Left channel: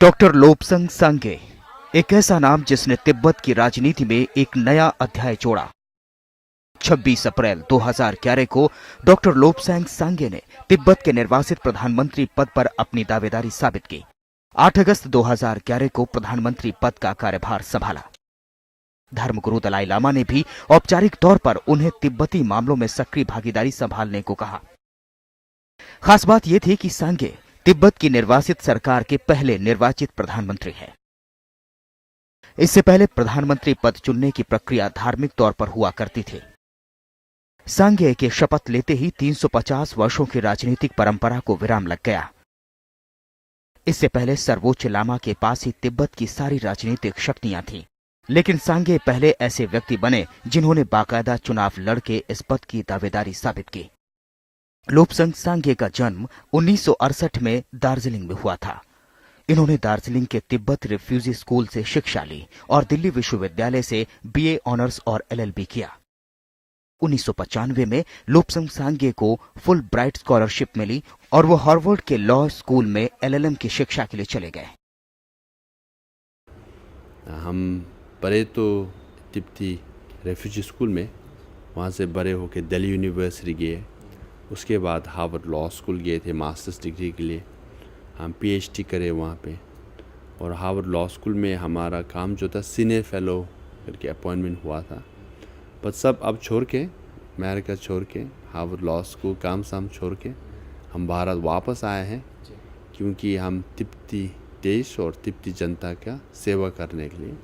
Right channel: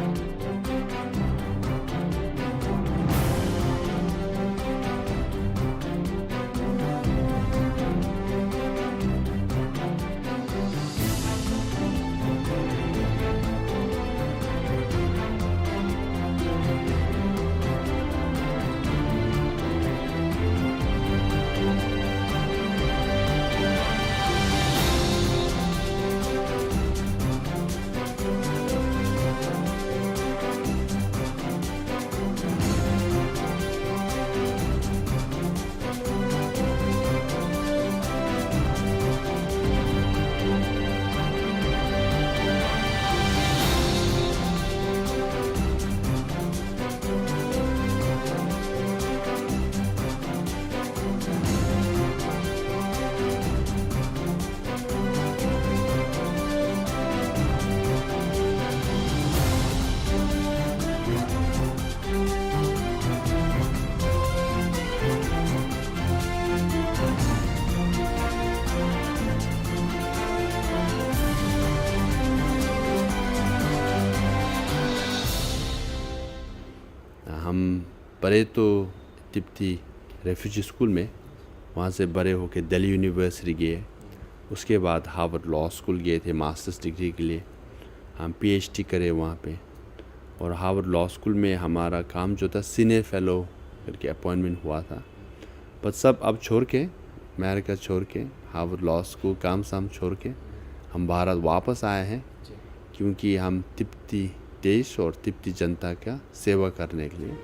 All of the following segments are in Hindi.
डॉक्टर लोब्संग सांगे, एक ऐसा नाम जिसने तिब्बत की राजनीति में एक नया अध्याय जोड़ा। 26 अप्रैल 2011 को डॉक्टर लोब्संग सांगे ने तिब्बत के निर्वासित प्रधानमंत्री पद पर अपनी दावेदारी साबित की। 8 अगस्त 2011 को प्रधानमंत्री पद का कार्यभार संभाला। धर्मगुरु दलाई लामा ने भी औपचारिक तौर पर उन्हें तिब्बती मामलों में सक्रिय भागीदारी संभालने को कहा। खास बात यह थी कि सांगे तिब्बत की निर्वासित सरकार के पहले निर्वाचित प्रधानमंत्री हैं। इससे पहले प्रधानमंत्री पद चुनने की प्रक्रिया धार्मिक तौर पर हुआ करती थी। सांगे के शपथ लेते ही 350 वर्षों की राजनीतिक परंपरा को विराम लग गया। इससे पहले सर्वोच्च लामा के पास ही तिब्बत की सारी राजनीतिक शक्तियां थीं। लेकिन सांगे पहले ऐसे व्यक्ति बने जिन्होंने बाकायदा चुनाव लड़के इस पद की दावेदारी साबित की। लोब्संग सांगे का जन्म 1968 में दार्जिलिंग में हुआ था। इन्होंने दार्जिलिंग के तिब्बत रिफ्यूजी स्कूल से शिक्षा ली और दिल्ली विश्वविद्यालय से बीए ऑनर्स और एलएलबी किया। 1995 में लोब्संग सांगे को फुल ब्राइट स्कॉलरशिप मिली और वो हार्वर्ड के लॉ स्कूल में एलएलएम की शिक्षा के लिए चले गए। हम पढ़े तो तिब्बती रेफ्यूजी स्कूल में, वहाँ से बड़े होकर दिल्ली यूनिवर्सिटी गए। उसके बाद हार्वर्ड लॉ स्कूल गए थे मास्टर्स डिग्री के लिए। हम पीएचडी करे वहाँ पे, और हार्वर्ड लॉ स्कूल में हमारा काम जो था सीनियर फेलो करके अपॉइंटमेंट हुआ था। पर सब अब छोड़ के, अमेरिका छोड़ के, हार्वर्ड लॉ स्कूल काम साम छोड़ के हम भारत वापस आए हैं, क्योंकि हम तिब्बती देश और तिब्बती जनता का सेवा करने के लिए।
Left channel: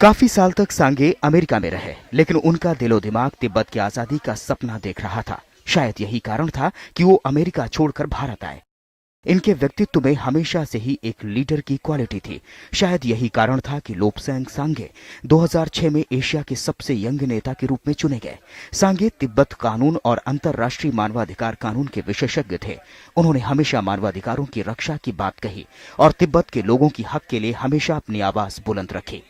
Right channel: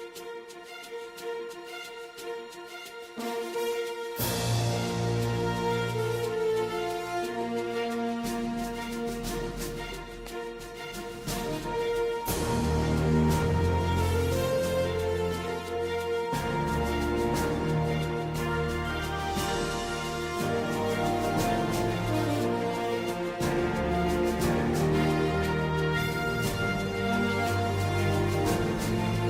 काफी साल तक सांगे अमेरिका में रहे, लेकिन उनका दिलो दिमाग तिब्बत की आजादी का सपना देख रहा था। शायद यही कारण था कि वो अमेरिका छोड़कर भारत आए। इनके व्यक्तित्व में हमेशा से ही एक लीडर की क्वालिटी थी। शायद यही कारण था कि लोब्संग सांगे 2006 में एशिया के सबसे यंग नेता के रूप में चुने गए। सांगे तिब्बत कानून और अंतर्राष्ट्रीय मानवाधिकार कानून के विशेषज्ञ थे। उन्होंने हमेशा मानवाधिकारों की रक्षा की बात कही और तिब्बत के लोगों की हक के लिए हमेशा अपनी आवाज बुलंद रखी।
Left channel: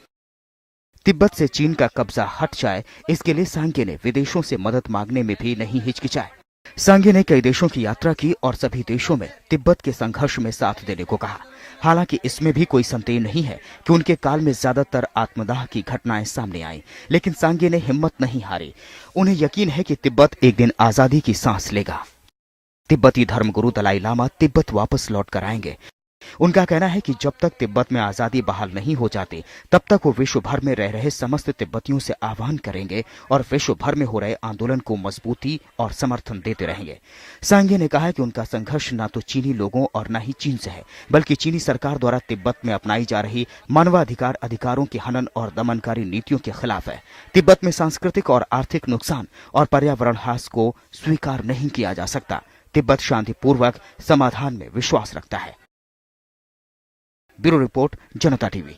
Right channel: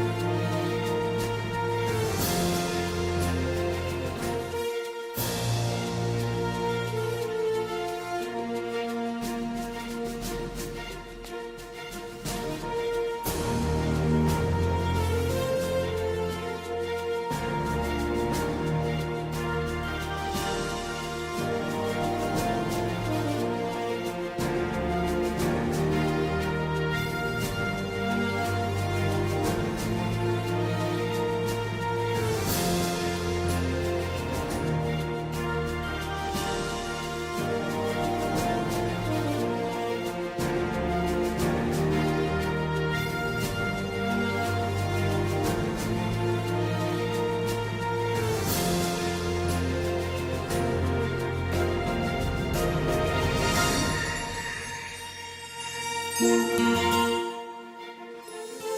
तिब्बत से चीन का कब्जा हट जाए, इसके लिए सांगे ने विदेशों से मदद मांगने में भी नहीं हिचकिचाए। सांगे ने कई देशों की यात्रा की और सभी देशों में तिब्बत के संघर्ष में साथ देने को कहा। हालांकि इसमें भी कोई संदेह नहीं है कि उनके काल में ज्यादातर आत्मदाह की घटनाएं सामने आई, लेकिन सांगे ने हिम्मत नहीं हारी। उन्हें यकीन है कि तिब्बत एक दिन आजादी की सांस लेगा। तिब्बती धर्मगुरु दलाई लामा तिब्बत वापस लौट कर आएंगे। उनका कहना है कि जब तक तिब्बत में आजादी बहाल नहीं हो जाती, तब तक वो विश्व भर में रह रहे समस्त तिब्बतियों से आह्वान करेंगे और विश्व भर में हो रहे आंदोलन को मजबूती और समर्थन देते रहेंगे। सांगे ने कहा है कि उनका संघर्ष न तो चीनी लोगों और न ही चीन से है, बल्कि चीनी सरकार द्वारा तिब्बत में अपनाई जा रही मानवाधिकार अधिकारों की हनन और दमनकारी नीतियों के खिलाफ है। तिब्बत में सांस्कृतिक और आर्थिक नुकसान और पर्यावरण ह्रास को स्वीकार नहीं किया जा सकता। तिब्बत शांतिपूर्वक समाधान में विश्वास रखता है। ब्यूरो रिपोर्ट, जनता टीवी।